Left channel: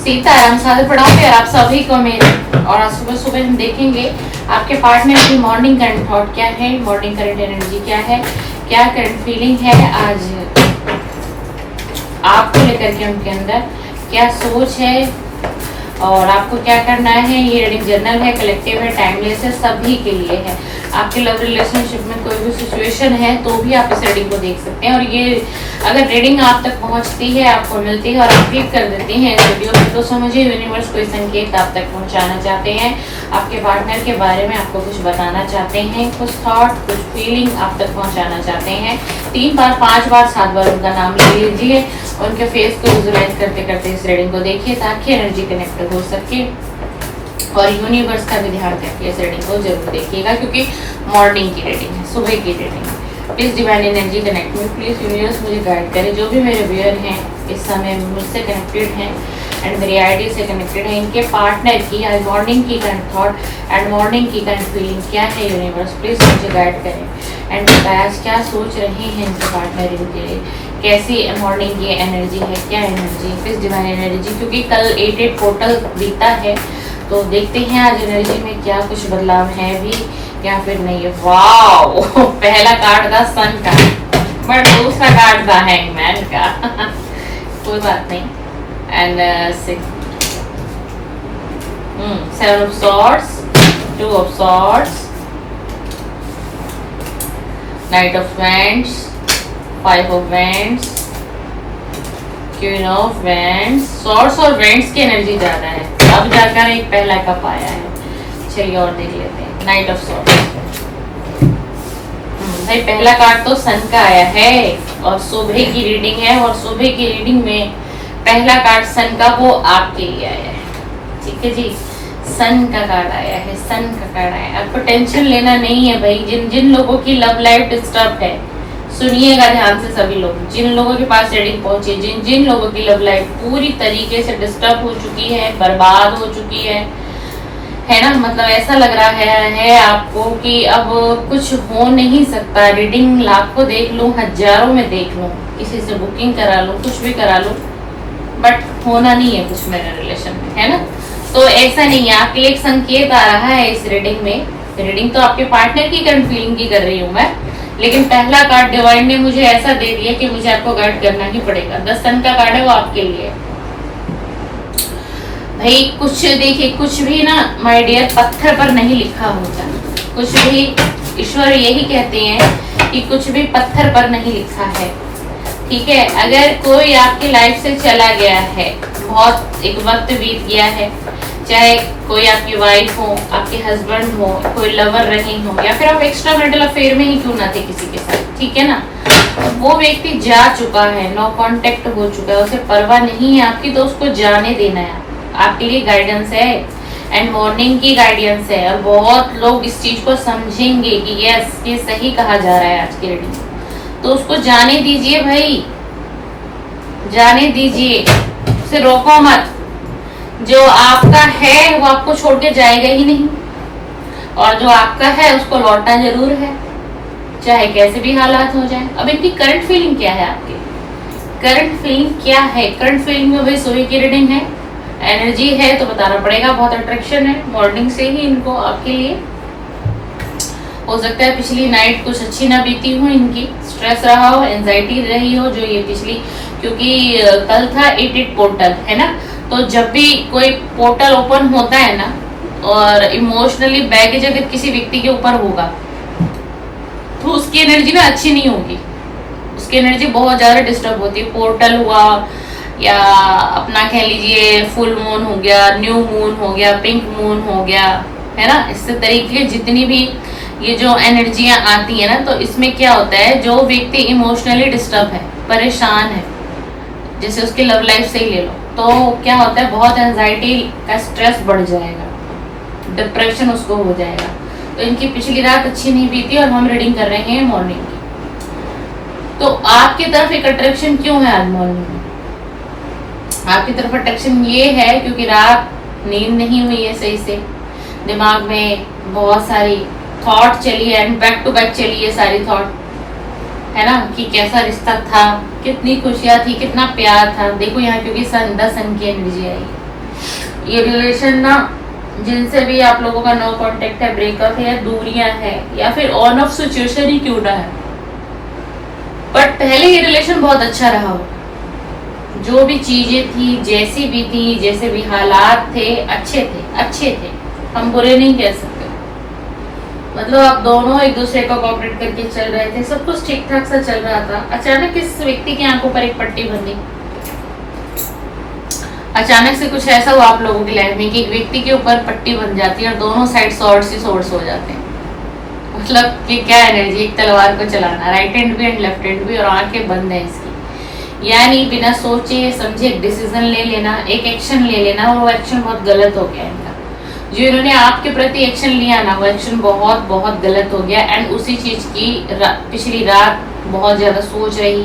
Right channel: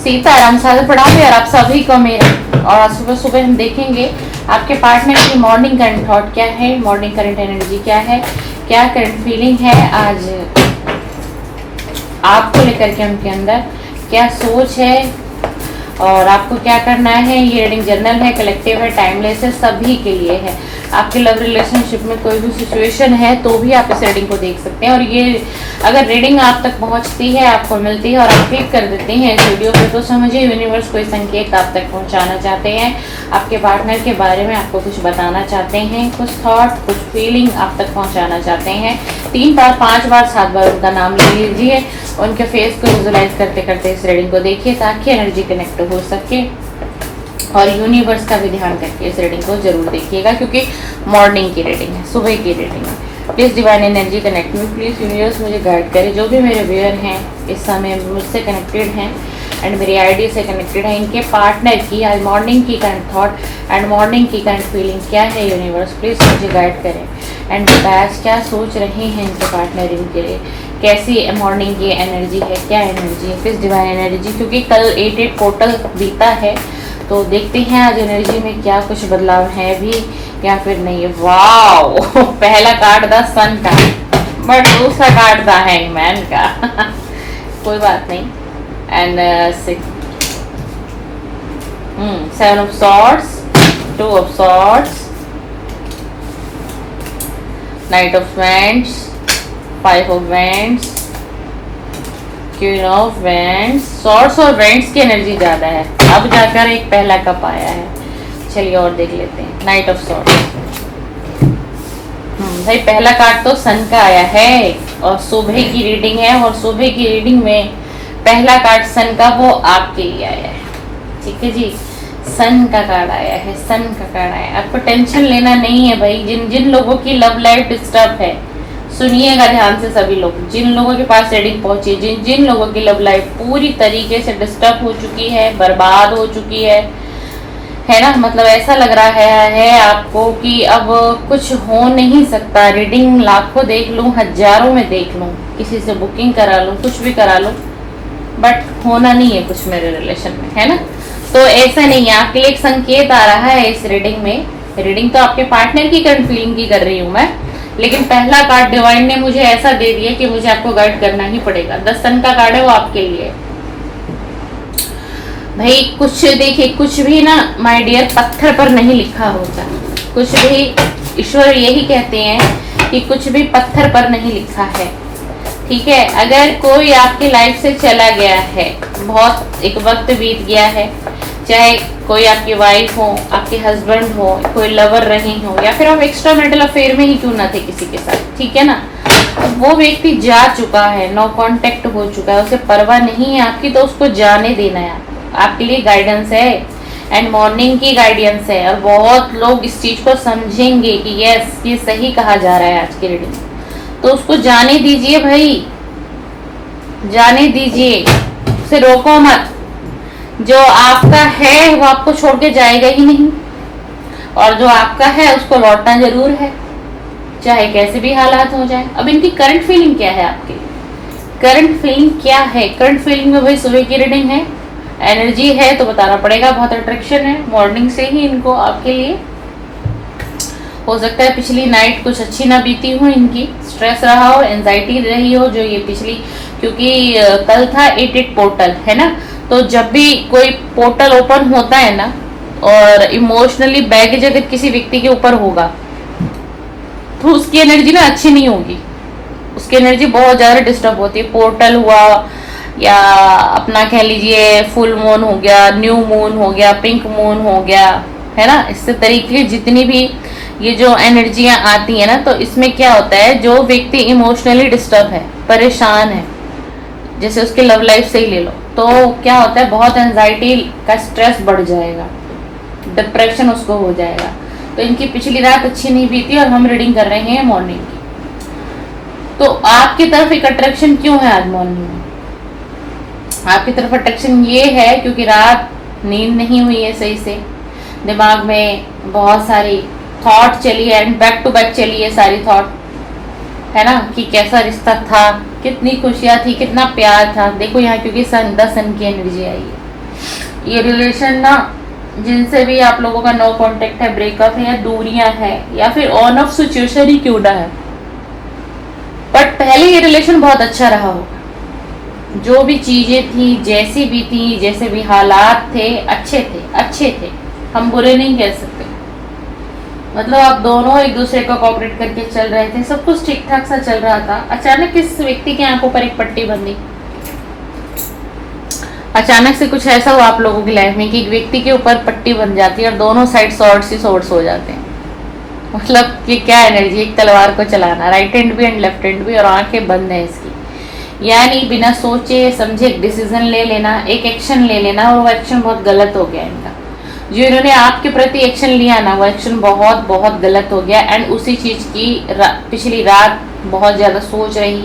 सीताराम सादर पढ़ाऊंगी और आप सभी को मेरे। और आज सुबह सुबह हम देखेंगे आपके पार्टनर की मॉर्निंग करंट थॉट क्या है, मॉर्निंग करंट एनर्जी क्या है, क्या करंट फीलिंग है आज आपको लेकर के, उनके अंदर क्या सोच है और आपको क्या करना है। ये रीडिंग जनरल है, कलेक्टिव है, टाइमलेस है, सभी के लिए है। आपके लव रिलेशनशिप में कोई भी सिचुएशन है तो भी आप इस रीडिंग को देख सकते हैं। और ये अगर रीडिंग आप तक पहुंचती है, आपको मिलती है और आप क्लिक कर देते हैं इस वीडियो में, तो समझिए यूनिवर्स कोई संकेत आप तक पहुंचाना चाहते हैं, आपके पार्टनर के बारे में आपको कुछ बताना चाहते हैं, कुछ थॉट, कुछ फीलिंग आप तक पहुंचाना चाहते हैं। 3 बार, 5 बार, 7 बार उनका नाम ले लीजिए, उनके फेस को विजुलाइज करते करते इस रीडिंग को देखिए ताकि एनर्जी कनेक्ट हो सके। और यूनिवर्स का भी ध्यान करके इस रीडिंग को जरूर देखिएगा क्योंकि मॉर्निंग की रीडिंग है, सुबह की रीडिंग है। प्लीज़ डिवाइन एनर्जी कनेक्ट में, प्लीज़ यूनिवर्स मुझे गाइड करे। जो भी मेरे व्यूअर हैं इस समय मुझसे कनेक्टेड हैं एंड मेरी आईडी से कनेक्टेड है, इनके पार्टनर की आज मॉर्निंग की करंट थॉट एंड मॉर्निंग की करंट फीलिंग क्या है यूनिवर्स, प्लीज़ मुझे गाइड करें। एंड बताया क्या सोच रहे हैं इनके पार्टनर इनके लिए, कैसी मॉर्निंग की एनर्जी है, क्या एनर्जी है, प्लीज़ डिवाइन एनर्जी। क्योंकि कल 8 पोर्टल बीता है तो देखते हैं आज एनर्जी में क्या कुछ बदलाव है भी या फिर नहीं। वाओ पहला कार्ड था सन का, बट दूसरा कार्ड था हैंगमैन का कोई बात नहीं। And 7 of swords, 2 of swords, night of vends, 5 of vends, queen of vends. Swords और वेंड्स की एनर्जी ज्यादा है, अब जाकर एक पहला कप आया है। चलिए और देख लेते हैं नाइट ऑफ सॉर्ड्स। भाई पहला कार्ड तो सन का आया है और सुबह की रीडिंग है, और सुबह की रीडिंग में पहला कार्ड सन का वो आपके लिए आया है। ठीक है जी, सन का कार्ड आया है, सन का कार्ड आया है। आपको टेंशन लेना नहीं है भाई। जिन जिन लोगों की लव लाइफ डिस्टर्ब है, सुनिएगा ध्यान से सभी लोग, जिन लोगों के पास रीडिंग पहुंची, जिन जिन लोगों की लव लाइफ पूरी तरीके से डिस्टर्ब हो चुकी है, बर्बाद हो चुकी है ना, मतलब ऐसा लग रहा है आपको कि अब कुछ हो नहीं सकता। रीडिंग लाखों देख लूं, हजारों में देख लूं, किसी से बुकिंग करा लूं, कुछ भी करा लूं, बट होना नहीं है कुछ मेरे रिलेशन में, है ना। तो ऐसा नहीं है, आपके लिए एक संकेत आ रहा है इस रीडिंग में। रीडिंग तो आपके पार्टनर की करंट फीलिंग की कर रही हूँ मैं, लेकिन पहला कार्ड डिवाइन ने मुझे ऐसा दे दिया कि मुझे आपको गाइड करना ही पड़ेगा। 10 सन का कार्ड है, वो आपके लिए भाई। कुछ देखिए, कुछ भी ना माय डियर पत्थर पर नहीं लिखा होता, कुछ भी ईश्वर यही कहते हैं कि कुछ भी पत्थर पर नहीं लिखा है। ठीक है, अगर कोई आपकी लाइफ से चला गया है, बहुत एक वक्त बीत गया है, चाहे कोई आपकी वाइफ हो, आपके हस्बैंड हो, कोई लवर रही हो, या फिर आप एक्स्ट्रा मैरिटल अफेयर में ही क्यों ना थे किसी के साथ, ठीक है ना, वो व्यक्ति जा चुका है, नो कांटेक्ट हो चुका है, उसे परवाह नहीं है आपकी, तो उसको जाने देना है। आपके लिए गाइडेंस है एंड मॉर्निंग की गाइडेंस है। और बहुत लोग इस चीज को समझेंगे कि यस ये सही कहा जा रहा है आज की रीडिंग, तो उसको जाने दीजिए भाई, जाने दीजिए, उसे रोको मत। जो आपका है वो आपको छोड़ के जाएगा ही नहीं, और जो आपका है उसको लौटना जरूर है, चाहे कैसे भी हालात हो जाए। अब इनकी करंट फीलिंग क्या है, आपकी करंट फीलिंग क्या है। करंट फीलिंग में भाई सुबह की रीडिंग है, एनर्जी है तो बताना पड़ेगा, बहुत अट्रैक्शन है मॉर्निंग से ही इनको आपके लिए। हो सकता है पिछली नाइट कुछ अच्छी ना बीती हो, इनकी स्ट्रेस रहा हो, एंजाइटी रही हो, जो ये पिछली, क्योंकि कल था 8 पोर्टल, है ना। तो जब भी कोई पोर्टल ओपन होता है ना, और इमोशनली बैगेज अगर किसी व्यक्ति के ऊपर होगा तो उसकी एनर्जी ना अच्छी नहीं होगी, उसकी एनर्जी बहुत ज्यादा डिस्टर्ब होती है। पोर्टल हुआ या अपना कह लीजिए फुल मून हो गया, न्यू मून हो गया, पिंक मून हो गया, है ना, इससे तरीके जितनी भी ये जो एनर्जियां आती है ना, तो इसमें क्या होता है, जो व्यक्ति इमोशनली डिस्टर्ब है, परेशान है, जैसे उसके लव लाइफ से ही ले लो, तो क्या होता है, बहुत एंजाइटी का स्ट्रेस बढ़ जाएगा, डिप्रेशन उसको हो जाएगा। तो इनकी पिछली रात अच्छी नहीं बीती और हम रीडिंग कर रहे हैं मॉर्निंग की। तो आपकी तरफ एक अट्रैक्शन क्यों है आज मॉर्निंग में, आपकी तरफ अट्रैक्शन ये है क्योंकि रात नींद नहीं हुई है सही से, दिमाग में बहुत सारी थॉट चली है एंड बैक टू बैक चली है सारी थॉट, है ना, कि कैसा रिश्ता था, कितनी खुशियां थी, कितना प्यार था। देखो यहाँ क्योंकि सन की एनर्जी आई, ये रिलेशन ना, जिनसे भी आप लोगों का नो कांटेक्ट है, ब्रेकअप है, या दूरियां है, या फिर ऑन ऑफ सिचुएशन ही क्यों ना है, बट पहले ये रिलेशन बहुत अच्छा रहा हो। जो भी चीजें थी, जैसी भी थी, जैसे भी हालात थे, अच्छे थे, हम बुरे नहीं कह सकते। मतलब आप दोनों एक दूसरे को कोऑपरेट करके चल रहे थे, सब कुछ ठीक ठाक सा चल रहा था। अचानक किस व्यक्ति की आंखों पर एक पट्टी बंधी, अचानक से कुछ ऐसा हुआ आप लोगों की लाइफ में कि एक व्यक्ति के ऊपर पट्टी बन जाती है और दोनों साइड सॉर्ट्स हो जाते हैं। मतलब कि क्या एनर्जी, एक तलवार को चलाना, राइट हैंड भी एंड लेफ्ट हैंड भी, और आंखें बंद है इसकी। यानी बिना सोचे समझे एक डिसीजन ले लेना, एक एक्शन ले लेना, और वो एक्शन बहुत गलत हो गया इनका। जो इन्होंने आपके प्रति एक्शन लिया ना, वो एक्शन बहुत बहुत गलत हो गया। एंड उसी चीज की पिछली रात बहुत ज्यादा सोच रही,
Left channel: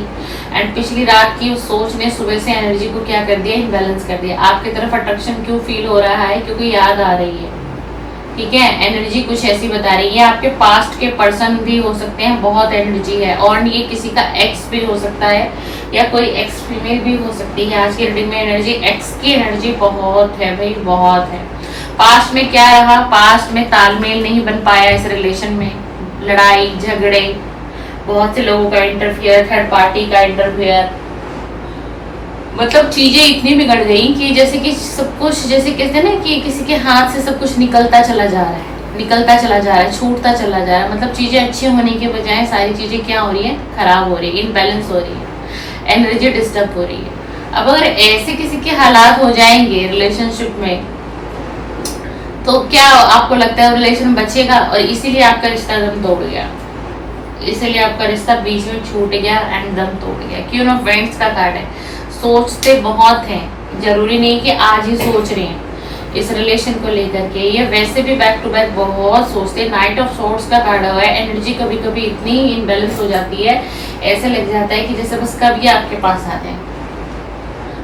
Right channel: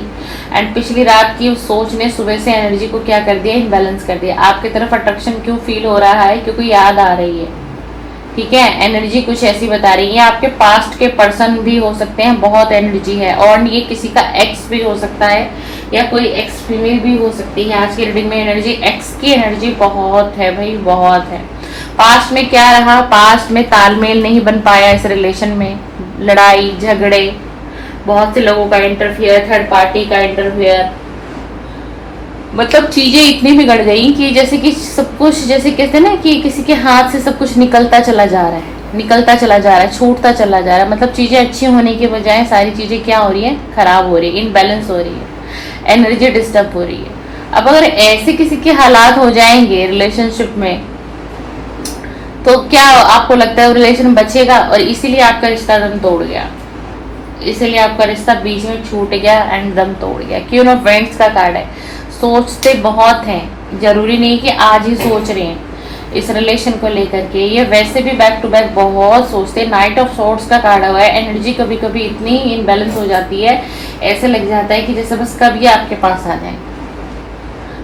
एंड पिछली रात की उस सोच ने सुबह से एनर्जी को क्या कर दिया, इम्बैलेंस कर दिया। आपकी तरफ अट्रैक्शन क्यों फील हो रहा है, क्योंकि याद आ रही है, ठीक है। एनर्जी कुछ ऐसी बता रही है, आपके पास्ट के पर्सन भी हो सकते हैं, बहुत एनर्जी है, और ये किसी का एक्स भी हो सकता है, या कोई एक्स फीमेल भी हो सकती है। आज की रीडिंग में एनर्जी एक्स की एनर्जी बहुत है भाई, बहुत है। पास्ट में क्या रहा, पास्ट में तालमेल नहीं बन पाया इस रिलेशन में, लड़ाई झगड़े, बहुत से लोगों का इंटरफियर, थर्ड पार्टी का इंटरफियर, मतलब चीजें इतनी बिगड़ गई कि जैसे कि सब कुछ, जैसे कहते हैं ना कि किसी के हाथ से सब कुछ निकलता चला जा रहा है, निकलता चला जा रहा है, छूटता चला जा रहा है। मतलब चीजें अच्छी होने के बजाय सारी चीजें क्या हो रही है, खराब हो रही है, इनबैलेंस हो रही है, एनर्जी डिस्टर्ब हो रही है। अब अगर ऐसे किसी के हालात हो जाएंगे रिलेशनशिप में, तो क्या आपको लगता है रिलेशन बचेगा? और इसीलिए आपका रिश्ता दम तोड़ गया, इसीलिए आपका रिश्ता बीच में छूट गया एंड दम तोड़ गया। क्यों ना, फ्रेंड्स का कार्ड है। सोचते बहुत हैं, जरूरी नहीं कि आज ही सोच रहे हैं इस रिलेशन को लेकर के, ये वैसे भी बैक टू बैक बहुत सोचते हैं। नाइट ऑफ सॉर्ड्स का कार्ड हुआ है। एनर्जी कभी कभी इतनी इनबैलेंस हो जाती है, ऐसे लग जाता है कि जैसे बस कब ये आपके पास आ जाए,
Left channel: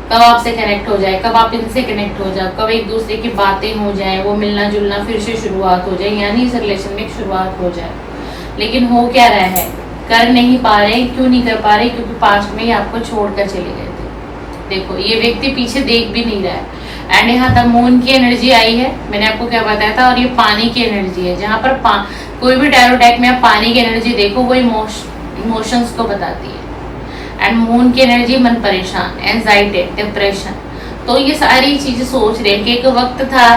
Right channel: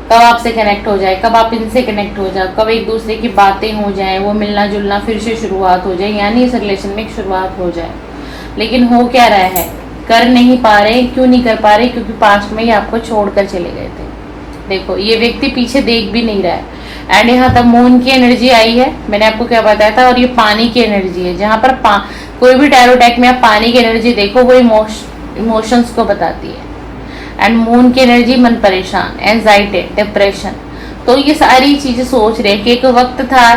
कब आपसे कनेक्ट हो जाए, कब आप इनसे कनेक्ट हो जाओ, कब एक दूसरे की बातें हो जाए, वो मिलना जुलना फिर से शुरुआत हो जाए, यानी इस रिलेशन में एक शुरुआत हो जाए। लेकिन हो क्या रहा है, कर नहीं पा रहे। क्यों नहीं कर पा रहे? क्योंकि पास्ट में ही आपको छोड़कर चले गए थे। देखो, ये व्यक्ति पीछे देख भी नहीं रहा है। एंड यहाँ तक मून की एनर्जी आई है, मैंने आपको क्या बताया था, और ये पानी की एनर्जी है। जहाँ पर कोई भी टैरो डेक में आप पानी की एनर्जी देखो, वो इमोशंस को बताती है। एंड मून की एनर्जी मन परेशान, एंजाइटी, डिप्रेशन। तो ये सारी चीजें सोच रहे कि एक वक्त था,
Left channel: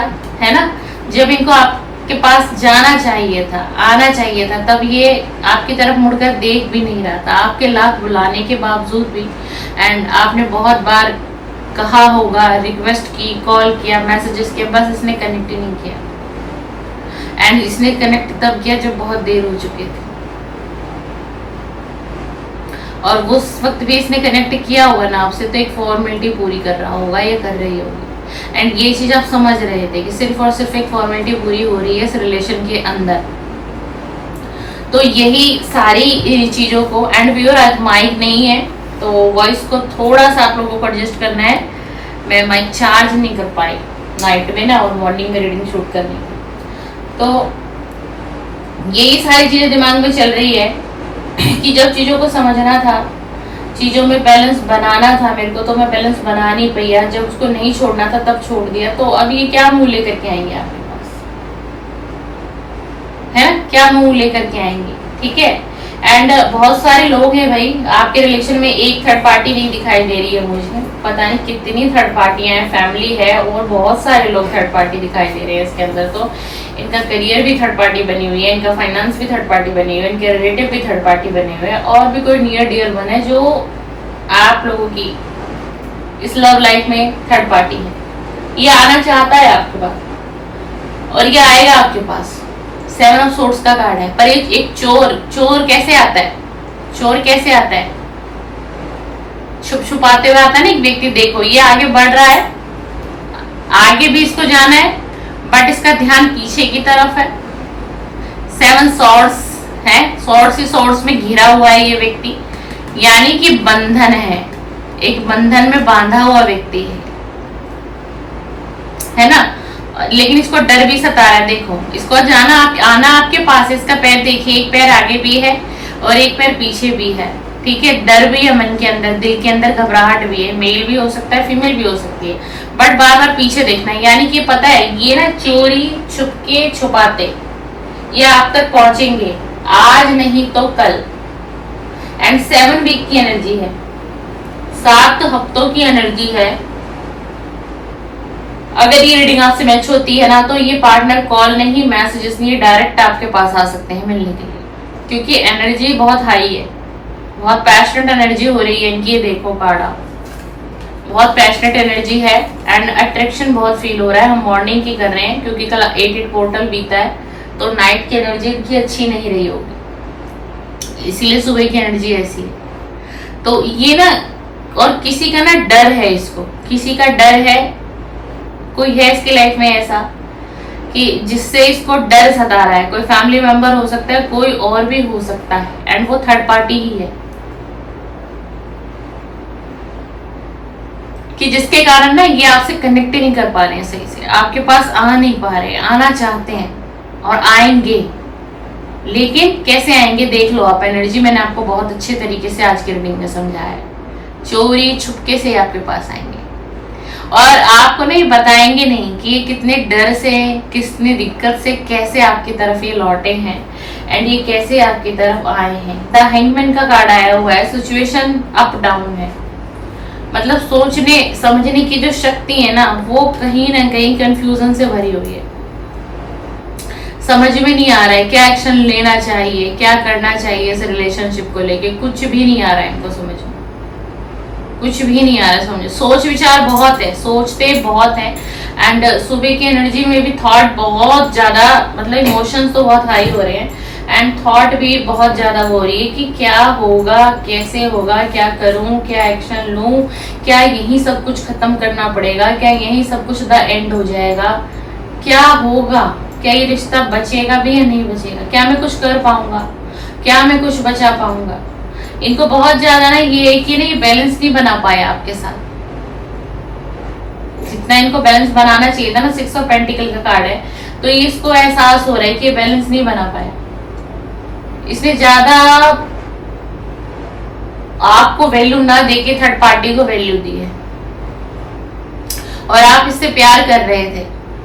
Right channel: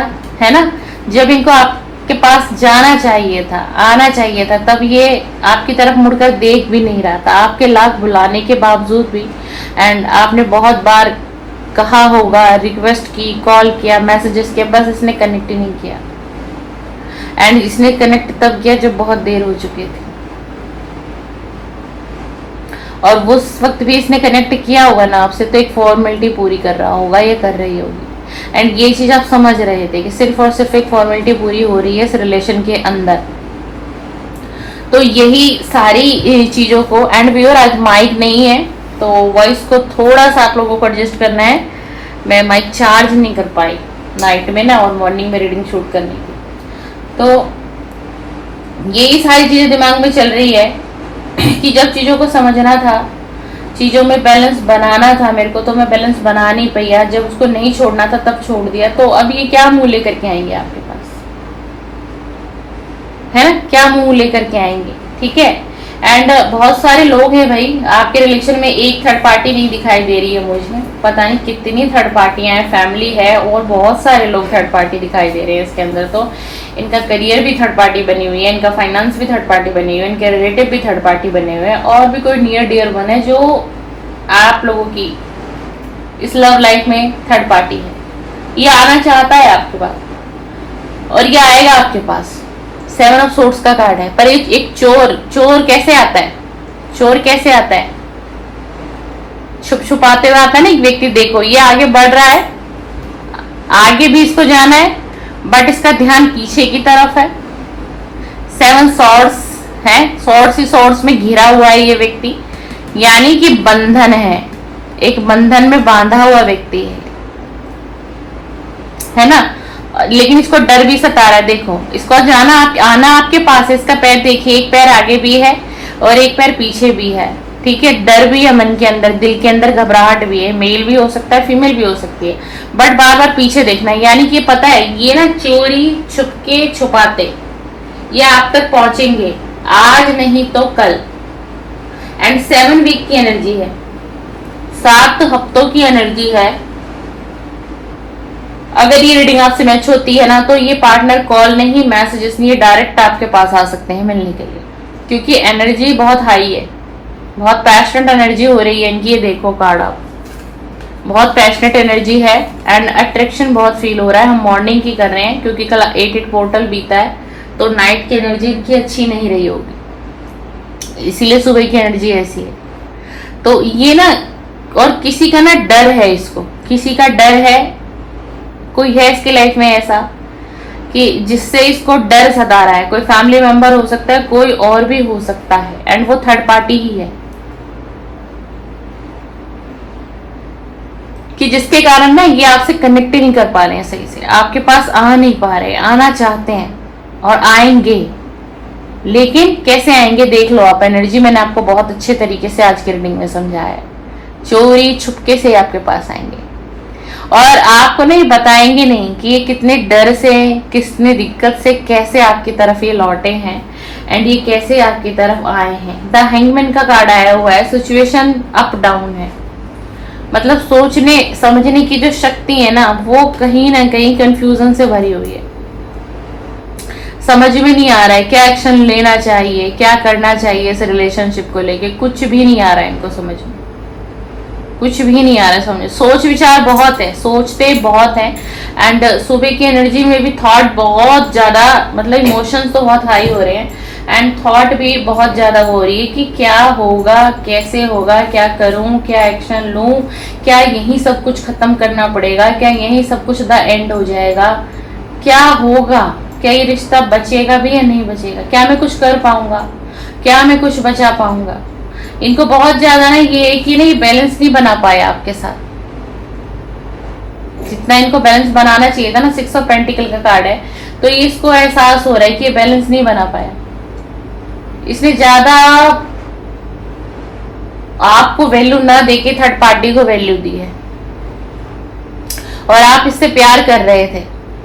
है ना, जब इनको आपके पास जाना चाहिए था, आना चाहिए था, तब ये आपकी तरफ मुड़कर देख भी नहीं रहा था, आपके लाख बुलाने के बावजूद भी। एंड आपने बहुत बार कहा होगा, रिक्वेस्ट की, कॉल किया, मैसेजेस किया, बस इसने कनेक्ट ही नहीं किया। एंड इसने कनेक्ट तब किया जब बहुत देर हो चुकी थी, और उस वक्त भी इसने कनेक्ट किया होगा ना आपसे, तो एक फॉर्मेलिटी पूरी कर रहा होगा, ये कर रही होगी। एंड ये चीज आप समझ रहे थे कि सिर्फ और सिर्फ एक फॉर्मेलिटी पूरी हो रही है इस रिलेशन के अंदर। तो यही सारी चीजों को, एंड व्यूअर आज माइक नहीं है तो वॉइस को थोड़ा सा आप लोगों को एडजस्ट करना है। मैं माइक चार्ज नहीं कर पाई नाइट में ना, और मॉर्निंग में रीडिंग शूट करनी, तो यही सारी चीजें दिमाग में चल रही है कि जब चीजों को समझना था, चीजों में बैलेंस बनाना था मेरे को, तो मैं बैलेंस बना नहीं पाई। जब उसको नहीं छोड़ना था तब छोड़ दिया। तो अब ये क्या मुंह लेकर के आएंगे आपके पास, है ना, क्या मुंह लेकर के आएंगे, ठीक है। एंड बहुत सारे लोग हैं भाई आपके रिलेशन में, एक थर्ड पार्टी नहीं दिखाई दे रही है मुझे, पता नहीं कितनी थर्ड पार्टियां हैं, फैमिली है, और बहुत सारे लोग थर्ड पार्टी दिखाई दे रहे हैं इसके अंदर। तो इनका करियर भी थर्ड पार्टी बनी हुई है, इनका फाइनेंस भी थर्ड पार्टी बनी हुई है, इनके रिलेटिव भी थर्ड पार्टी बने हुए हैं, और भी कोई नियर डियर वन है जो आप लोगों की इस लव लाइफ में थर्ड पार्टी है। ये आना चाहता है आपके पास, और ये आएगा आपके पास। 7 ऑफ सोर्ड्स का कार्ड है। पर एक चोर कैसे आता है, चोर कैसे आता है, छुप छुपाते हुए आता है ना एक व्यक्ति। देखो, ये आगे बढ़ रहा है, आगे भी इसको जाना है, बट इसका ध्यान पीछे की तरफ है। 7 सॉर्ड्स है, सॉर्ड्स ही सॉर्ड्स में घिरा हुआ है ये व्यक्ति, यानी कि बंधन है, एक बंधन में बांधा हुआ व्यक्ति है ना। लेकिन इसको डर भी सता रहा है। देखो, इसको आना आपके पास है, इसका पैर देखिए, एक पैर आगे भी है और एक पैर पीछे भी है, ठीक है, डर भी है मन के अंदर, दिल के अंदर घबराहट भी है, मेल भी हो सकता है, फीमेल भी हो सकती है, बट बार बार पीछे देखना है, यानी कि पता है ये ना चोरी छुपके छुपाते ये आप तक पहुंचेंगे, आज नहीं तो कल। एंड 7 वीक की एनर्जी है, 7 हफ्तों की एनर्जी है। अगर ये रीडिंग आपसे मैच होती है ना, तो ये पार्टनर कॉल नहीं, मैसेजेस नहीं, ये डायरेक्ट आपके पास आ सकते हैं मिलने के लिए, क्योंकि एनर्जी बहुत हाई है, बहुत पैशनेट एनर्जी हो रही है इनकी। ये देखो कार्ड, बहुत पैशनेट एनर्जी है एंड अट्रैक्शन बहुत फील हो रहा है। हम मॉर्निंग की कर रहे हैं क्योंकि कल 8 पोर्टल बीता है, तो नाइट की एनर्जी इनकी अच्छी नहीं रही होगी, इसीलिए सुबह की एनर्जी ऐसी है। तो ये ना, और किसी का ना डर है, इसको किसी का डर है, कोई है इसकी लाइफ में ऐसा कि जिससे इसको डर सता रहा है। कोई फैमिली मेंबर हो सकता है, कोई और भी हो सकता है, एंड वो थर्ड पार्टी ही है, कि जिसके कारण ना ये आपसे कनेक्ट ही नहीं कर पा रहे हैं सही से, आपके पास आ नहीं पा रहे, आना चाहते हैं और आएंगे, लेकिन कैसे आएंगे देख लो आप। एनर्जी मैंने आपको बहुत अच्छे तरीके से आज की रीडिंग में समझाया है। चोरी छुपके से आपके पास आएंगे और आपको नहीं बताएंगे नहीं कि ये कितने डर से, कितने दिक्कत से, कैसे आपकी तरफ ये लौटे हैं एंड ये कैसे आपकी तरफ आए हैं। द हैंगमैन का कार्ड आया हुआ है, सिचुएशन अप डाउन है, मतलब सोचने समझने की जो शक्ति है ना, वो कहीं ना कहीं कंफ्यूजन से भरी हुई है। समझ में नहीं आ रहा है क्या एक्शन लेना चाहिए, क्या करना चाहिए इस रिलेशनशिप को लेके, कुछ भी नहीं आ रहा है इनको समझ में, कुछ भी नहीं आ रहा है समझ। सोच विचार बहुत है, सोचते बहुत है, एंड सुबह की एनर्जी में भी थॉट बहुत ज्यादा, मतलब इमोशंस तो बहुत हाई हो रहे हैं एंड थॉट भी बहुत ज्यादा हो रही है कि क्या होगा, कैसे होगा, क्या करूं, क्या एक्शन लूं, क्या यही सब कुछ खत्म करना पड़ेगा, क्या यही सब कुछ द एंड हो जाएगा, क्या होगा, क्या ये रिश्ता बचेगा भी या नहीं बचेगा, क्या मैं कुछ कर पाऊंगा, क्या मैं कुछ बचा पाऊंगा। इनको बहुत ज्यादा ना ये है कि नहीं बैलेंस नहीं बना पाया आपके साथ, जितना इनको बैलेंस बनाना चाहिए था ना। 6 ऑफ पेंटिकल का कार्ड है, तो इसको एहसास हो रहा है कि ये बैलेंस नहीं बना पाया, इसने ज्यादा आपको वैल्यू ना देके थर्ड पार्टी को वैल्यू दी है, और आप इससे प्यार कर रहे थे,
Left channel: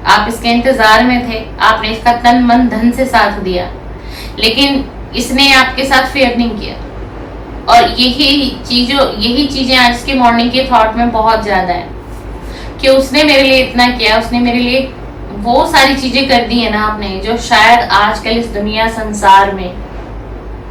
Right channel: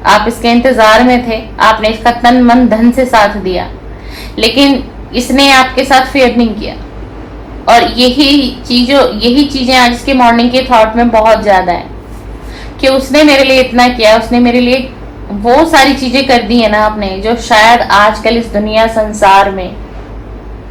आप इसके इंतजार में थे, आपने इसका तन मन धन से साथ दिया, लेकिन इसने आपके साथ फेयर नहीं किया। और यही चीजें आज के मॉर्निंग के थॉट में बहुत ज्यादा है कि उसने मेरे लिए इतना किया, उसने मेरे लिए वो सारी चीजें कर दी है ना आपने, जो शायद आजकल इस दुनिया संसार में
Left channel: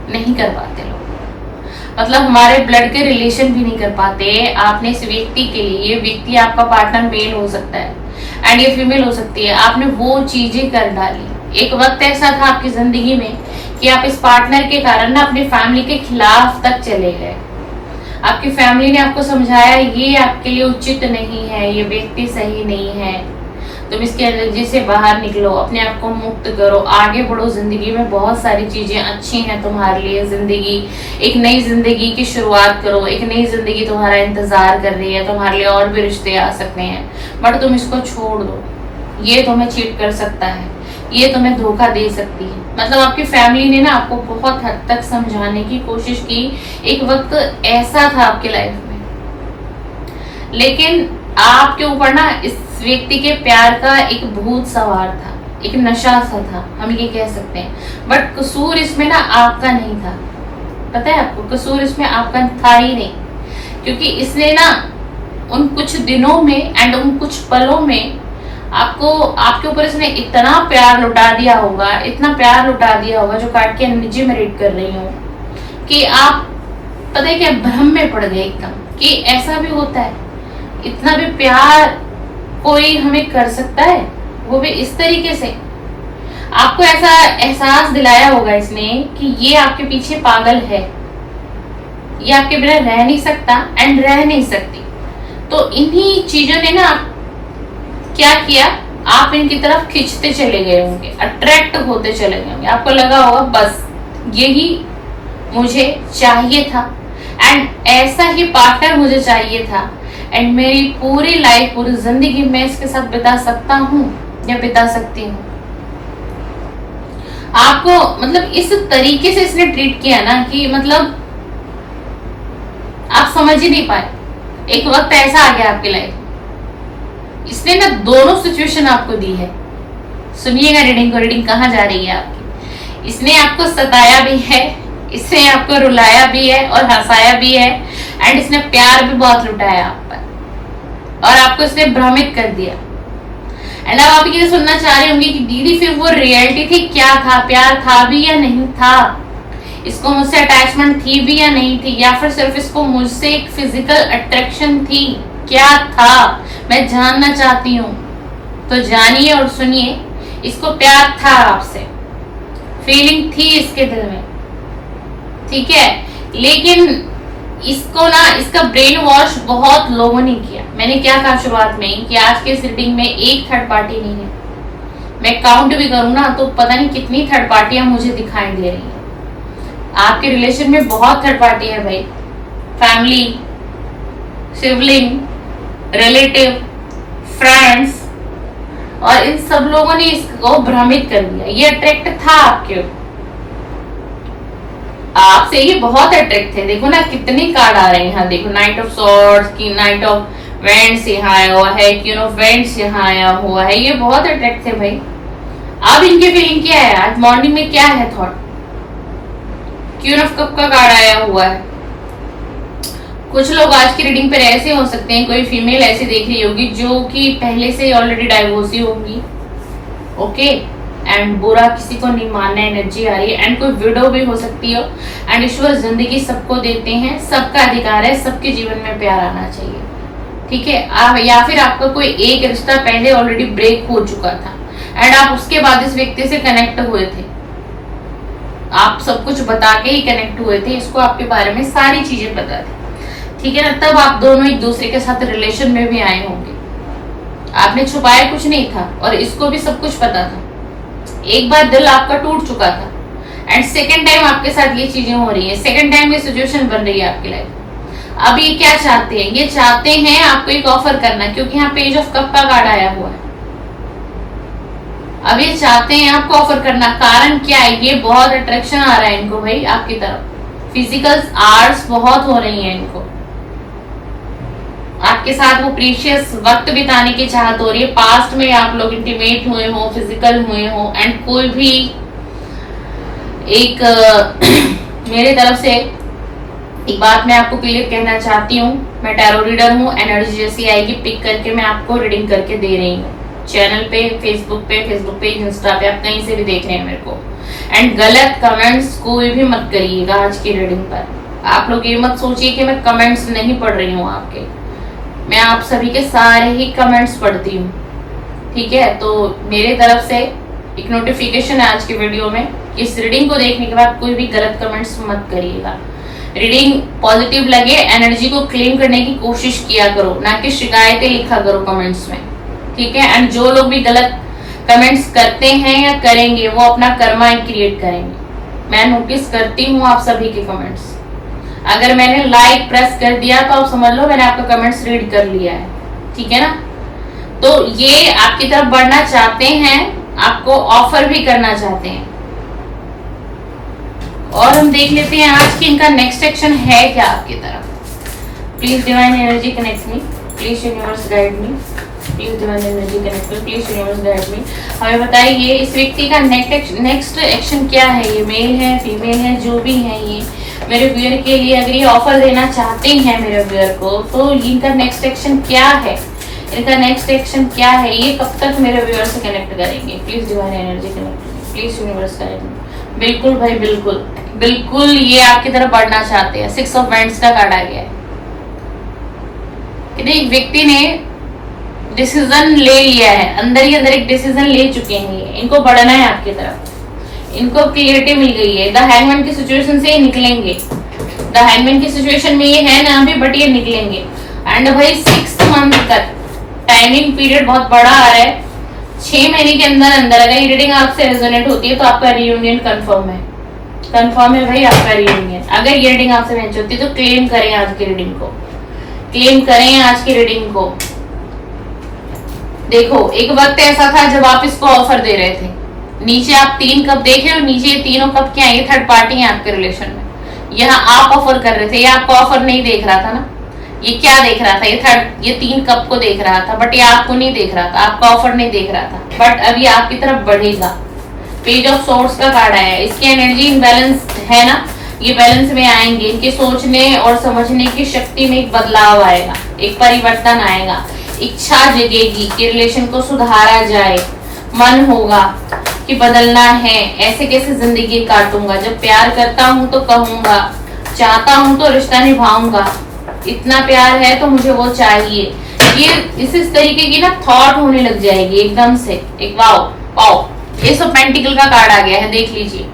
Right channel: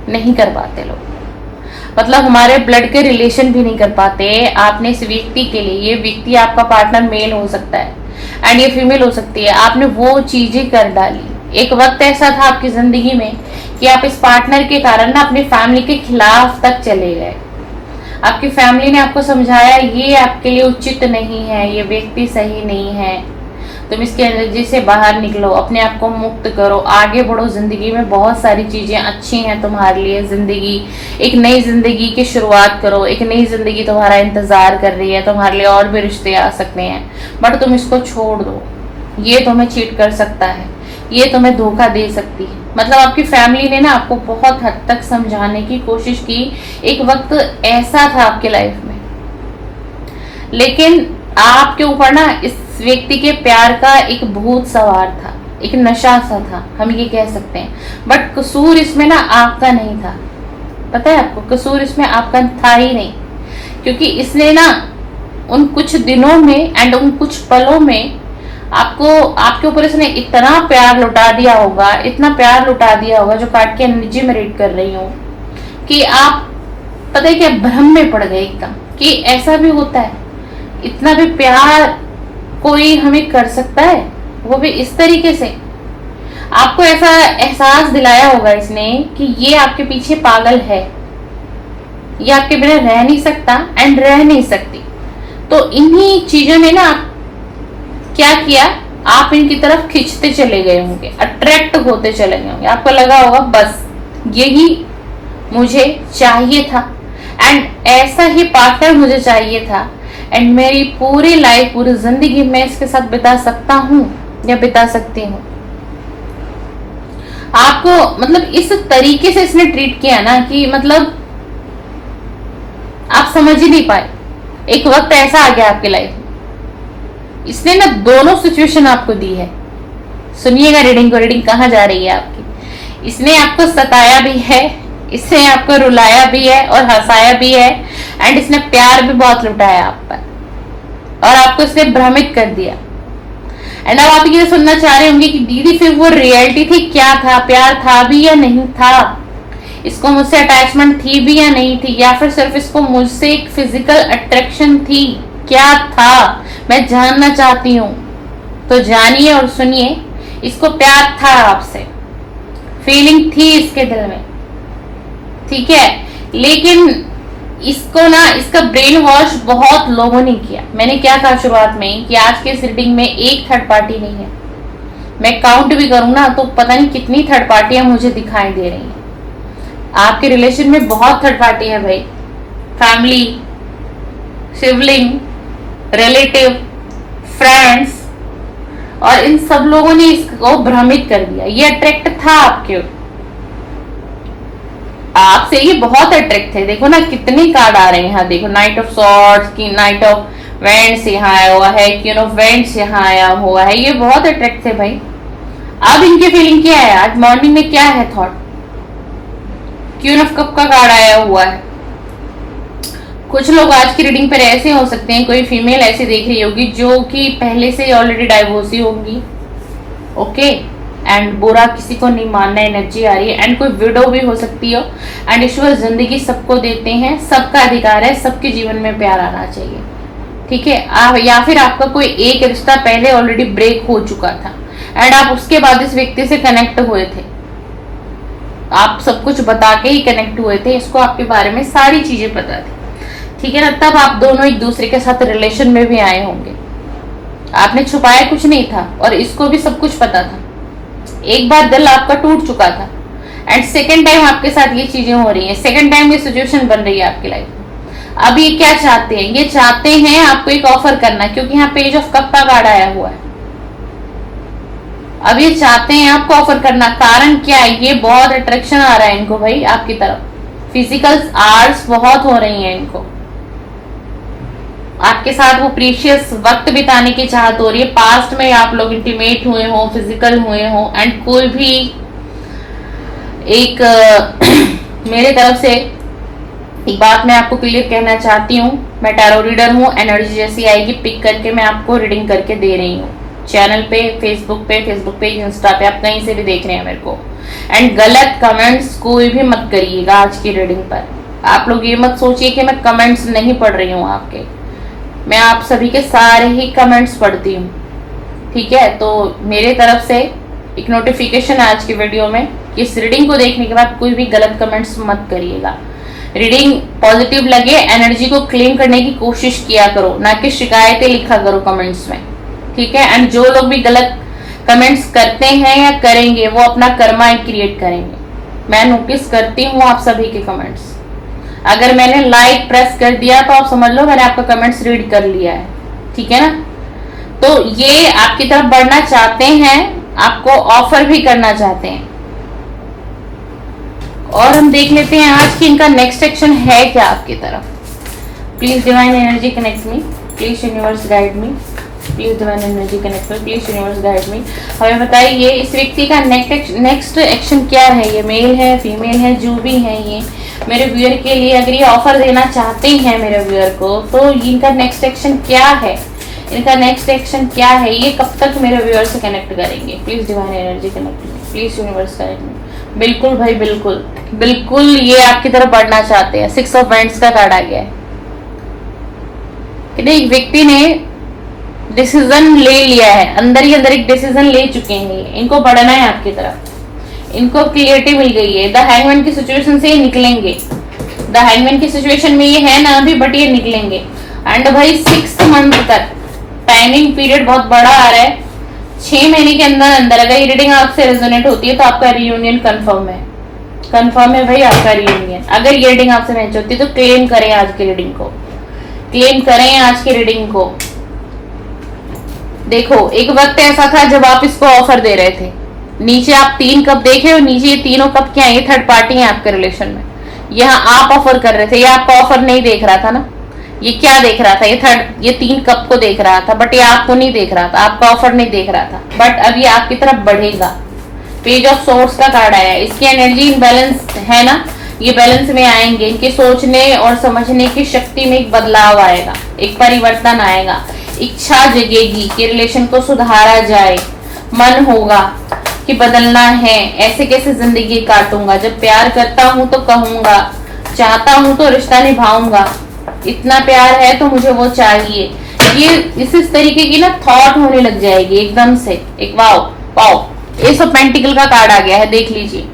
नहीं कर पाते लोग। मतलब हमारे ब्लड के रिलेशन भी नहीं कर पाते। आपने इस व्यक्ति के लिए, ये व्यक्ति आपका पार्टनर मेल हो सकता है एंड ये फीमेल हो सकती है, आपने वो चीजें कर डाली। एक वक्त ऐसा था आपकी जिंदगी में कि आप इस पार्टनर के कारण ना अपनी फैमिली के खिलाफ तक चले गए। आपकी फैमिली ने आपको समझाया ये आपके लिए उचित नहीं है, ये व्यक्ति सही नहीं है, तुम इसकी एनर्जी से बाहर निकलो, अपने आप को मुक्त करो, आगे बढ़ो, जिंदगी में बहुत सारी चीजें अच्छी हैं तुम्हारे लिए, जिंदगी एक नई जिंदगी की शुरुआत करो, एक नई जिंदगी तुम्हारा इंतजार कर रही है, तुम्हारे लिए और भी रिश्ते आ सकते हैं, बट तुम इसको छोड़ दो, ये तुम्हें चीट कर सकता है, ये तुम्हें धोखा दे सकती है। मतलब आपकी फैमिली ने ना आपको बहुत हद तक समझाने की कोशिश की। एक वक्त ऐसा था आपके लाइफ में, लेकिन आपके ऊपर ना इस व्यक्ति के प्यार का एक भूत सवार था, एक नशा सा था, हम ये कह सकते हैं। बट कसूर इसमें ना आपका नहीं था, पता है आपको, कसूर इसमें आपका था ही नहीं, क्योंकि इसने ना उन कुछ दिनों में एंड उन कुछ पलों में आपको, आपके ऊपर इसने इतना प्यार लुटा दिया होगा, इतना प्यार लुटा दिया होगा, जो कार्ड की एनर्जी में रीड कर रही हूँ, कि आप पता है क्या भ्रम में पड़ गए एकदम, कि ऐसा भी होता है, इतना भी प्यार कोई हमें कर सकता है, वो भी इस तरीके से। आपको ऐसा एहसास दिलाया होगा इसने कि ये आपके पीछे पागल है, ये आपके बिना रह नहीं सकता एंड रह नहीं सकती। तो इन्हीं चीजों ने ना क्या किया, आप इनकी तरफ खिंचते चले गए होंगे, अट्रैक्ट होते चले गए होंगे। आपको लगा होगा बस यही मुझे चाहिए था एंड ऐसा ही पार्टनर मुझे चाहिए था एंड मेरी पूरी लाइफ, पूरी जिंदगी मैं इसके साथ बिता सकता हूँ या बिता सकती हूँ। आपको मतलब इस तरीके से इसने ट्रीट किया ना कि मतलब आप समझ ही नहीं पाए। एक वक्त ऐसा आ गया आपके लाइफ, इसने ना दोनों सिचुएशन आपको दी है। सुनिएगा रीडिंग को, रीडिंग कहाँ जा रही है आपकी। इसने आपको सताया भी है, इसने आपको रुलाया भी है और हंसाया भी है, एंड इसने प्यार भी बहुत लुटाया आप पर, और आपको इसने भ्रमित कर दिया। एंड अब आप ये सुनना चाह रहे होंगे कि दीदी फिर वो रियलिटी थी क्या था, प्यार था भी या नहीं था, इसको मुझसे अटैचमेंट थी भी या नहीं थी, या फिर सिर्फ इसको मुझसे एक फिजिकल अट्रैक्शन थी, क्या था, मैं जानना चाहती हूँ। तो जानिए और सुनिए, इसको प्यार था आपसे, फीलिंग थी इसके दिल में, ठीक है। लेकिन इसको ना, इसका ब्रेन वॉश बहुत लोगों ने किया। मैंने क्या कहा शुरुआत में कि आज के इस रीडिंग में एक थर्ड पार्टी नहीं है। मैं काउंट भी करूँ ना तो पता नहीं कितनी थर्ड पार्टियां मुझे दिखाई दे रही हैं। आपके रिलेशन में बहुत थर्ड पार्टी है भाई, फैमिली, सिबलिंग, रिलेटिव, फ्रेंड्स, और इन सब लोगों ने इसको भ्रमित कर दिया। ये अट्रैक्ट था आपके, आपसे ये बहुत अट्रैक्ट थे। देखो ना कितने कार्ड आ रहे हैं यहाँ, देखो नाइट ऑफ सॉर्ड्स की, नाइट ऑफ वेंट्स यहाँ आया हुआ है, क्वीन ऑफ वेंट्स यहाँ आया हुआ है। ये बहुत अट्रैक्ट थे भाई। अब इनकी फीलिंग क्या है, आज मॉर्निंग में क्या है थॉट। क्वीन ऑफ कप का कार्ड आया हुआ है। कुछ लोग आज की रीडिंग पर ऐसे हो सकते हैं, कोई फीमेल ऐसी देख रही होगी जो कि पहले से ऑलरेडी डाइवोर्सी होगी, ओके, एंड बुरा किसी को नहीं मानना एनर्जी आ रही है, एंड कोई विडो भी हो सकती हो। एंड ईश्वर जिंदगी सबको देते हैं, सबका अधिकार है, सबके जीवन में प्यार आना चाहिए, ठीक है। या फिर आपका कोई एक रिश्ता पहले ऑलरेडी ब्रेक हो चुका था, एंड आप उसके बाद इस व्यक्ति से कनेक्ट हुए थे, आप सब कुछ बता के ही कनेक्ट हुए थे, इसको आपके बारे में सारी चीजें पता थी, ठीक है ना। तब आप दोनों एक दूसरे के साथ रिलेशन में भी आए होंगे, आपने छुपाया कुछ नहीं था, और इसको भी सब कुछ पता था। एक बार दिल आपका टूट चुका था, एंड सेकेंड टाइम आपके साथ ये चीजें हो रही है, सेकेंड टाइम ये सिचुएशन बन रही है आपकी लाइफ। अब ये क्या चाहते हैं, ये चाहते हैं आपको एक ऑफर करना, क्योंकि यहाँ पेज ऑफ कप का कार्ड आया हुआ है। अब ये चाहते हैं आपको ऑफर करना, कारण क्या है, ये बहुत अट्रैक्शन आ रहा है इनको भाई आपकी तरफ, फिजिकल आर्ट्स बहुत हो रही है इनको, आपके साथ वो प्रीशियस वक्त बिताने की चाहत हो रही है। पास्ट में आप लोग इंटीमेट हुए हो, फिजिकल हुए हो, एंड कोई भी एक मेरे तरफ से एक बात मैं आपको क्लियर कहना चाहती हूँ, मैं टैरो रीडर हूँ, एनर्जी जैसी आएगी पिक करके मैं आपको रीडिंग करके दे रही हूँ, चैनल पे, फेसबुक पे, इंस्टा पे, आप कहीं से भी देख रहे हैं मेरे को। एंड गलत कमेंट्स कोई भी मत करिएगा आज की रीडिंग पर। आप लोग ये मत सोचिए कि मैं कमेंट्स नहीं पढ़ रही हूँ आपके, मैं आप सभी के सारे ही कमेंट्स पढ़ती हूँ, ठीक है। तो मेरे तरफ से एक नोटिफिकेशन है आज की वीडियो में कि इस रीडिंग को देखने के बाद कोई भी गलत कमेंट्स मत करिएगा। रीडिंग पॉजिटिव लगे, एनर्जी को क्लेम करने की कोशिश किया करो, ना कि शिकायतें लिखा करो कमेंट्स में, ठीक है। एंड जो लोग भी गलत कमेंट्स करते हैं या करेंगे वो अपना कर्मा क्रिएट करेंगे। मैं नोटिस करती हूँ आप सभी के कमेंट्स, अगर मैंने लाइक प्रेस कर दिया तो आप समझ लो मैंने आपका कमेंट्स रीड कर लिया है, ठीक है ना। तो ये आपकी तरफ बढ़ना चाहते हैं, आपको ऑफर भी करना चाहते हैं, और हम देख लेते हैं आज की इनका नेक्स्ट एक्शन है क्या आपकी तरफ। Please divine energy connect me, please universe guide me, please divine energy connect me, please universe guide me. हमें बताइए इस व्यक्ति का नेक्स्ट एक्शन क्या है, ये मेल है, फीमेल है, जो भी है ये मेरे व्यूअर के लिए अगर ये ऑफर देना चाहते हैं मेरे व्यूअर को, तो इनका नेक्स्ट एक्शन क्या है, इनका नेक्स्ट एक्शन क्या है, ये कब तक मेरे व्यूअर से कनेक्ट करेंगे। Please divine energy connect, please universe connect. बिल्कुल भाई, बिल्कुल बिल्कुल ये आपकी तरफ बढ़ना चाहते हैं। 6 ऑफ वांड्स का कार्ड आ गया है कि एक व्यक्ति ने डिसीजन ले लिया है, अंदर ही अंदर एक डिसीजन ले चुके हैं, इनको बढ़ना है आपकी तरफ, इनको क्लियरिटी मिल गई है। द हैंगमैन की सिचुएशन से ये निकलेंगे, द हैंगमैन की सिचुएशन में ये है ना अभी, बट ये निकलेंगे। एंड भाई 6 मंथ तक टाइमिंग पीरियड बहुत बड़ा आ रहा है, 6 महीने के अंदर अंदर अगर ये रीडिंग आपसे रेजोनेट होती है तो आपका रियूनियन कंफर्म है, कंफर्म है भाई आपका रियूनियन। अगर ये रीडिंग आपसे मैच होती है तो क्लेम करें आज की रीडिंग को, क्लेम करें आज की रीडिंग को। देखो एक वक्त ऐसा था जब आप इसको ऑफर दे रहे थे, नीचे आप 3 कप देखे और नीचे ये तीनों कप क्या है, ये थर्ड पार्टी है आपके रिलेशन में, यहाँ आप ऑफर कर रहे थे, ये आपका ऑफर नहीं देख रहा था ना, ये क्या देख रहा था, ये 3 कप को देख रहा था, बट ये आपको नहीं देख रहा था, आपका ऑफर नहीं देख रहा था, बट अब ये आपकी तरफ बढ़ेगा। पेज ऑफ सोर्स का कार्ड आया है, इसकी एनर्जी इनबैलेंस है ना, ये बैलेंस में आएंगे, इनके सोचने और समझने की शक्ति में एक बदलाव आएगा, एक परिवर्तन आएगा, इच्छा जगेगी कि रिलेशन को सुधारा जाए, मन होगा कि बदलना है, ऐसे कैसे जिंदगी काटूंगा, जब प्यार करता हूं तो कहूंगा, चाहता हूं तो रिश्ता निभाऊंगा, इतना प्यार है तो मुझे वो चाहिए, ये इस तरीके की ना थॉट होने लग जाएगी एकदम से। एक wow wow, S of pentacle का कार्ड आ गया है, देख लीजिए।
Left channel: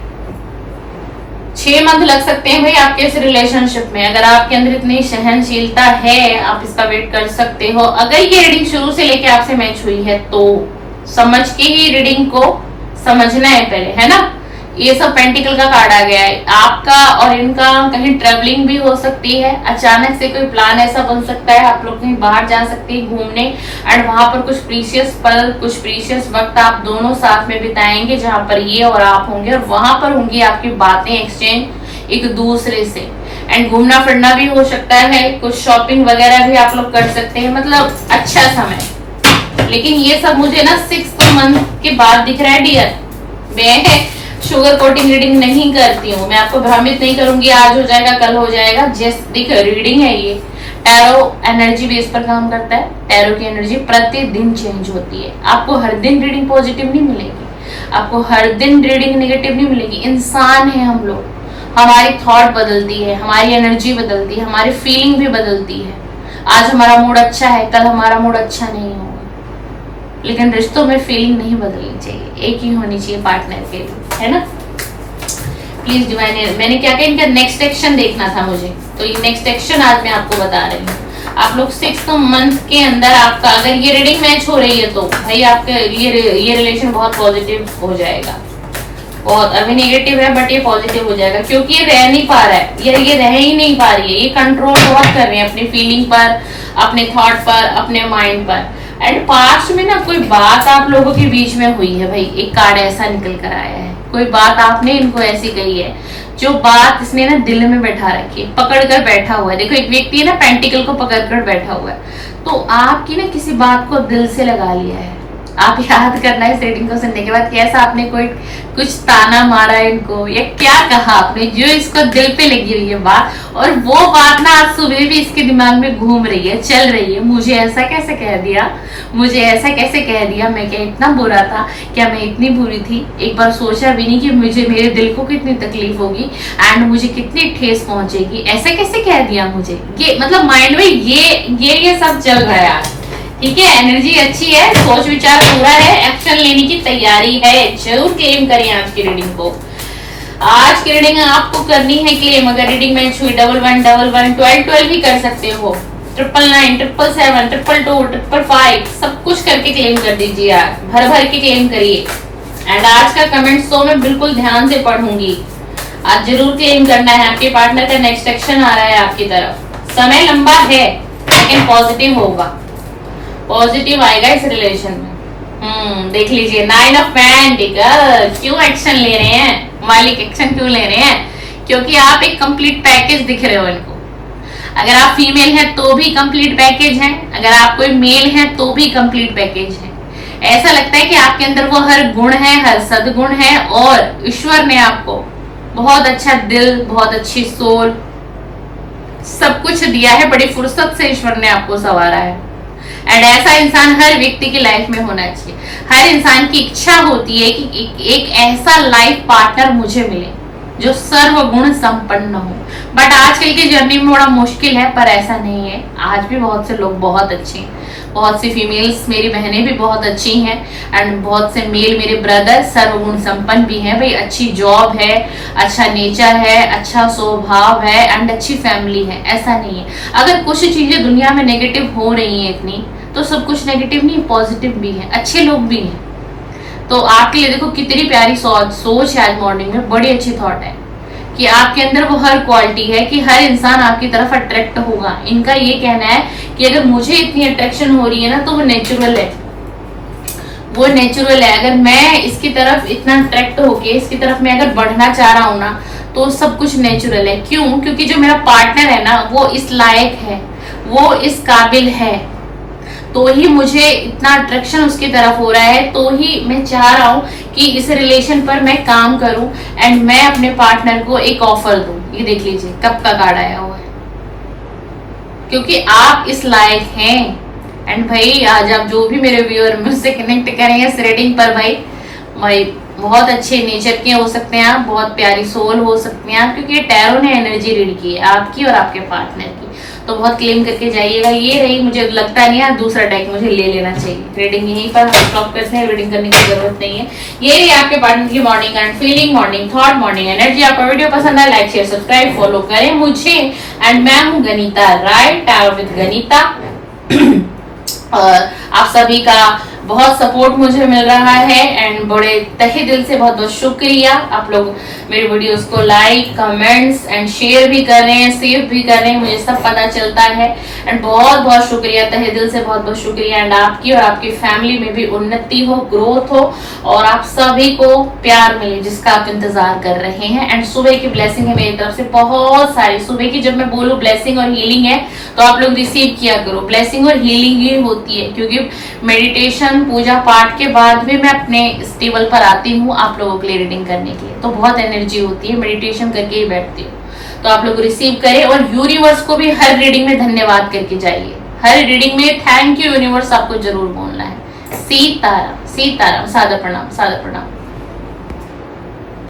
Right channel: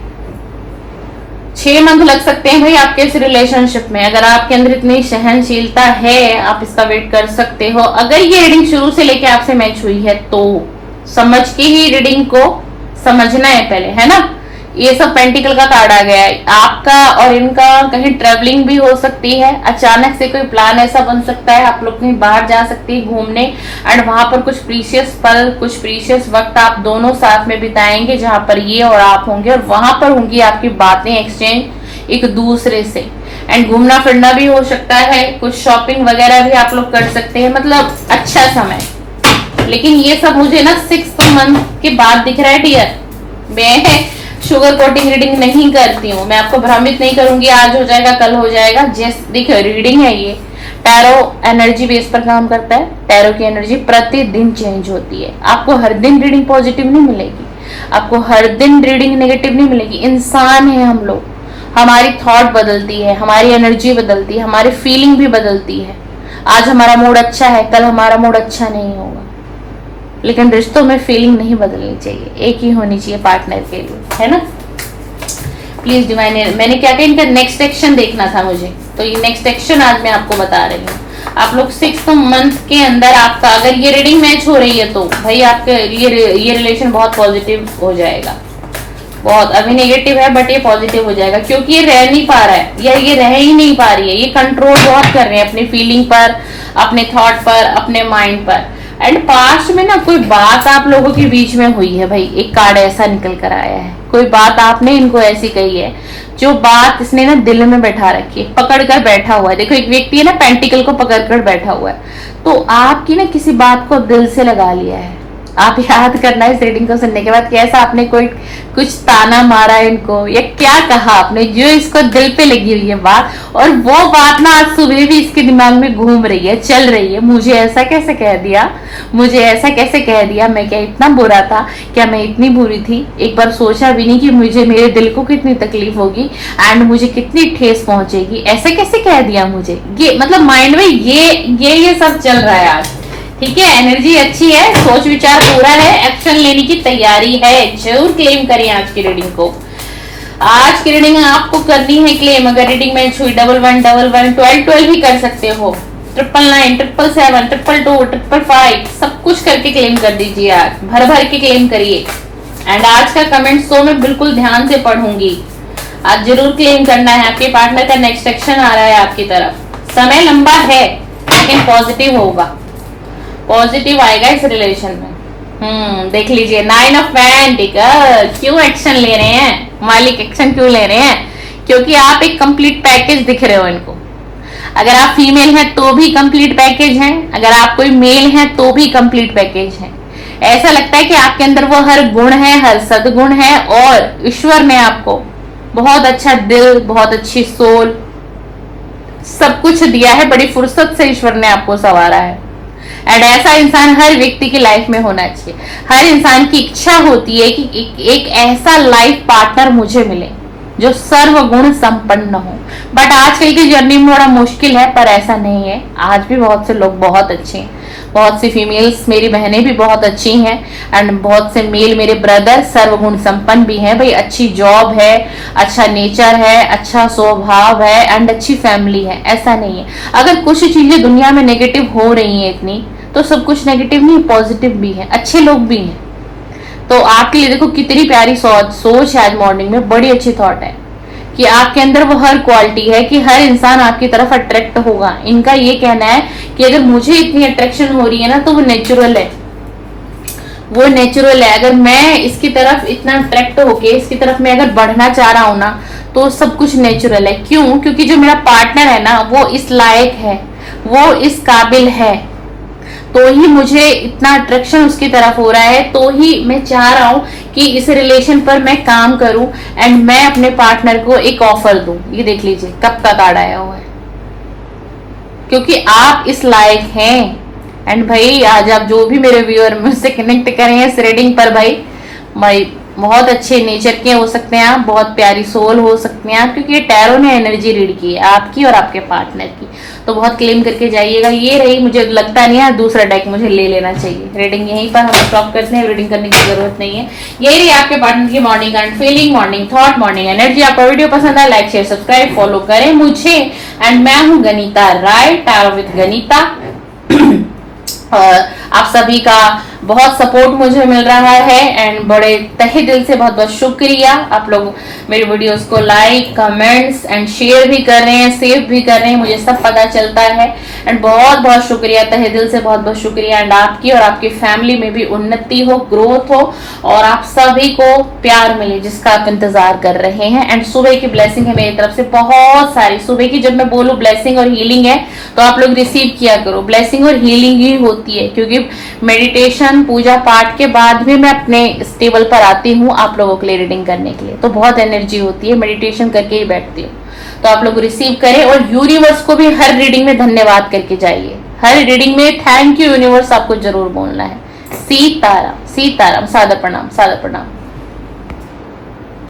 6 मंथ लग सकते हैं भाई आपके इस रिलेशनशिप में, अगर आपके अंदर इतनी सहनशीलता है आप इसका वेट कर सकते हो। अगर ये रीडिंग शुरू से लेके आपसे मैच हुई है तो समझ के ही रीडिंग को समझना है पहले, है ना। ये सब पेंटिकल का कार्ड आ गया है, आपका और इनका कहीं ट्रेवलिंग भी हो सकती है, अचानक से कोई प्लान ऐसा बन सकता है, आप लोग कहीं बाहर जा सकते हैं घूमने, एंड वहां पर कुछ प्रीशियस पल, कुछ प्रीशियस वक्त आप दोनों साथ में बिताएंगे, जहां पर ये और आप होंगे, और वहां पर होंगी आपकी बातें एक्सचेंज एक दूसरे से, एंड घूमना फिरना भी हो सकता है, कुछ शॉपिंग वगैरह भी आप लोग कर सकते हैं, मतलब अच्छा समय। लेकिन ये सब मुझे ना 6 मंथ के बाद दिख रहा है डियर। मैं शुगर कोटिंग रीडिंग नहीं करती हूँ, मैं आपको भ्रमित नहीं करूंगी आज हो जाएगा कल हो जाएगा, जस्ट देखो रीडिंग है ये। टैरो एनर्जी बेस पर काम करता है, टैरो की एनर्जी प्रतिदिन चेंज होती है, आपको हर दिन रीडिंग पॉजिटिव नहीं मिलेगी, आपको हर दिन रीडिंग नेगेटिव नहीं मिलेगी। इंसान है हम लोग, हमारी थॉट बदलती है, हमारी एनर्जी बदलती है, हमारी फीलिंग भी बदलती है। आज हमारा मूड अच्छा है, कल हमारा मूड अच्छा नहीं होगा, लेकिन रिश्तों में फीलिंग नहीं बदलनी चाहिए, एक ही होनी चाहिए पार्टनर के लिए, है ना। प्लीज डिवाइन, मैंने क्या कहा, इनका नेक्स्ट एक्शन देखना था मुझे, तो ये नेक्स्ट एक्शन आज मैं आपको बता रही हूँ। आप लोग 6 मंथ के अंदर आपका अगर ये रीडिंग मैच हो रही है तो भाई आपके ये रिलेशन बहुत पॉजिटिव हो जाएगा, बहुत अभी नेगेटिव है बट ये पॉजिटिव हो जाएगा, क्योंकि ये रह नहीं पा रहा है, या ये रह ही नहीं पा रही है, ये कंट्रोल बहुत कर रहे हैं अपनी फीलिंग पर, अपने थॉट पर, अपने माइंड पर। एंड पास्ट में ना कोई बात आप लोगों के बीच में हुई है भाई, एक कार्ड ऐसा निकल कर आया है, कोई बात आपने इनको ऐसी कही है जो बात इसने ना दिल में बैठा रखी है, पकड़ कर बैठा हुआ है। देखो एक व्यक्ति है ना पेंटिकल को पकड़ कर बैठा हुआ है, तो आपकी ना किसी बात को दिल से लगा लिया है। आप याद करना इस रीडिंग को सुनने के बाद कैसा आपने कोई कुछ ताना मारा इनको, या क्या कहा आपने जो इसको दिल पे लगी हुई है बात, और वो बात ना आज सुबह भी इसके दिमाग में घूम रही है, चल रही है, मुझे ऐसा कैसे कह दिया, मुझे ऐसा कैसे कह दिया, मैं क्या इतना बुरा था, क्या मैं इतनी बुरी थी, एक बार सोचा भी नहीं कि मुझे मेरे दिल को कितनी तकलीफ होगी एंड मुझे कितनी ठेस पहुंचेगी, ऐसे कैसे कह दिया मुझे। ये मतलब माइंड में ये सब चल रहा है आज, ठीक है। एनर्जी अच्छी है, सोच विचार पूरा है, एक्शन लेने की तैयारी है, जरूर क्लेम करें आज की रीडिंग को। आज की रीडिंग आपको करनी है क्लेम, अगर रीडिंग मैच हुई 11111112 भी कर सकते हो, 999 777 222 555 सब कुछ करके क्लेम कर दीजिए, आज भर भर के क्लेम करिए। एंड आज का कमेंट तो मैं बिल्कुल ध्यान से पढ़ूंगी, आज जरूर क्लेम करना है। आपके पार्टनर का नेक्स्ट एक्शन आ रहा है आपकी तरफ, समय लंबा है लेकिन पॉजिटिव होगा, पॉजिटिव आएगा इस रिलेशन में। देख लीजिए 9 ऑफ पेंटिकल्स, क्यों एक्शन ले रहे हैं मालिक, एक्शन क्यों ले रहे हैं, क्योंकि आप एक कंप्लीट पैकेज दिख रहे हो इनको। अगर आप फीमेल हैं तो भी कंप्लीट पैकेज है, अगर आप कोई मेल हैं तो भी कंप्लीट पैकेज है। ऐसा लगता है कि आपके अंदर वो हर गुण है, हर सद्गुण है, और ईश्वर ने आपको बहुत अच्छा दिल, बहुत अच्छी सोल, सब कुछ दिया है, बड़ी फुर्सत से ईश्वर ने आपको संवारा है। एंड ऐसा इंसान हर व्यक्ति की लाइफ में होना चाहिए। हर इंसान की इच्छा होती है कि एक ऐसा लाइफ पार्टनर मुझे मिले जो सर्वगुण संपन्न हो, बट आजकल की जर्नी में थोड़ा मुश्किल है, पर ऐसा नहीं है। आज भी बहुत से लोग बहुत अच्छे हैं, बहुत सी फीमेल्स मेरी बहनें भी बहुत अच्छी हैं, एंड बहुत से मेल मेरे ब्रदर सर्वगुण संपन्न भी हैं भाई। अच्छी जॉब है, अच्छा नेचर है, अच्छा स्वभाव है, एंड अच्छी फैमिली है, ऐसा नहीं है। अगर कुछ चीजें दुनिया में नेगेटिव हो रही हैं इतनी, तो सब कुछ नेगेटिव नहीं, पॉजिटिव भी है, अच्छे लोग भी हैं। तो आपके लिए देखो कितनी प्यारी सोच है आज मॉर्निंग में, बड़ी अच्छी थॉट है कि आपके अंदर वो हर क्वालिटी है कि हर इंसान आपकी तरफ अट्रैक्ट होगा। इनका ये कहना है कि अगर मुझे इतनी अट्रैक्शन हो रही है ना तो वो नेचुरल है, वो नेचुरल है। अगर मैं इसकी तरफ इतना अट्रैक्ट होके इसकी तरफ मैं अगर बढ़ना चाह रहा हूँ ना, तो सब कुछ नेचुरल है। क्यों? क्योंकि जो मेरा पार्टनर है ना वो इस लायक है, वो इस काबिल है, तो ही मुझे इतना अट्रैक्शन उसकी तरफ हो रहा है, तो ही मैं चाह रहा हूँ कि इस रिलेशन पर मैं काम करूं एंड मैं अपने पार्टनर को एक ऑफर दूं। ये देख लीजिए कब का कार्ड आया हुआ है, क्योंकि आप इस लायक हैं। एंड भाई आज आप जो भी मेरे व्यूअर मुझसे कनेक्ट करें इस रीडिंग पर, भाई बहुत अच्छे नेचर के हो सकते हैं आप, बहुत प्यारी सोल हो सकते हैं आप, क्योंकि ये टैरो ने एनर्जी रीड की है आपकी और आपके पार्टनर की, तो बहुत क्लेम करके जाइएगा। ये रही, मुझे लगता नहीं है दूसरा डेक मुझे ले लेना चाहिए। रीडिंग यहीं पर हम स्टॉप करते हैं, रीडिंग करने की जरूरत नहीं है। यही रही आपके पार्टनर की morning and feeling, morning thought, morning energy. आपका वीडियो पसंद है लाइक शेयर सब्सक्राइब फॉलो करें मुझे। एंड मैं हूँ गनीता राय, टैरो विद गनीता। आप सभी का बहुत सपोर्ट मुझे मिल रहा है एंड बड़े तहे दिल से बहुत बहुत शुक्रिया। आप लोग मेरे वीडियोस को लाइक कमेंट्स एंड शेयर भी कर रहे हैं, सेव भी कर रहे हैं, मुझे सब पता चलता है एंड बहुत बहुत शुक्रिया, तहे दिल से बहुत बहुत शुक्रिया। एंड आपकी और आपकी फैमिली में भी उन्नति हो, ग्रोथ हो और आप सभी को प्यार मिले जिसका आप इंतजार कर रहे हैं। एंड सुबह की ब्लेसिंग है मेरी तरफ से बहुत सारी। सुबह की जब मैं बोलूँ ब्लेसिंग और हीलिंग है तो आप लोग रिसीव किया करो। ब्लेसिंग और हीलिंग ही होती है, क्योंकि मेडिटेशन पूजा पाठ के बाद भी मैं अपने स्टेबल पर आती हूँ आप लोगों के लिए रीडिंग करने के लिए, तो बहुत एनर्जी होती है, मेडिटेशन करके ही बैठती हूँ। तो आप लोग रिसीव करें और यूनिवर्स को भी हर रीडिंग में धन्यवाद करके जाइए। हर रीडिंग में थैंक यू यूनिवर्स आपको जरूर बोलना है। सीताराम, सीताराम, सादर प्रणाम, सादर प्रणाम।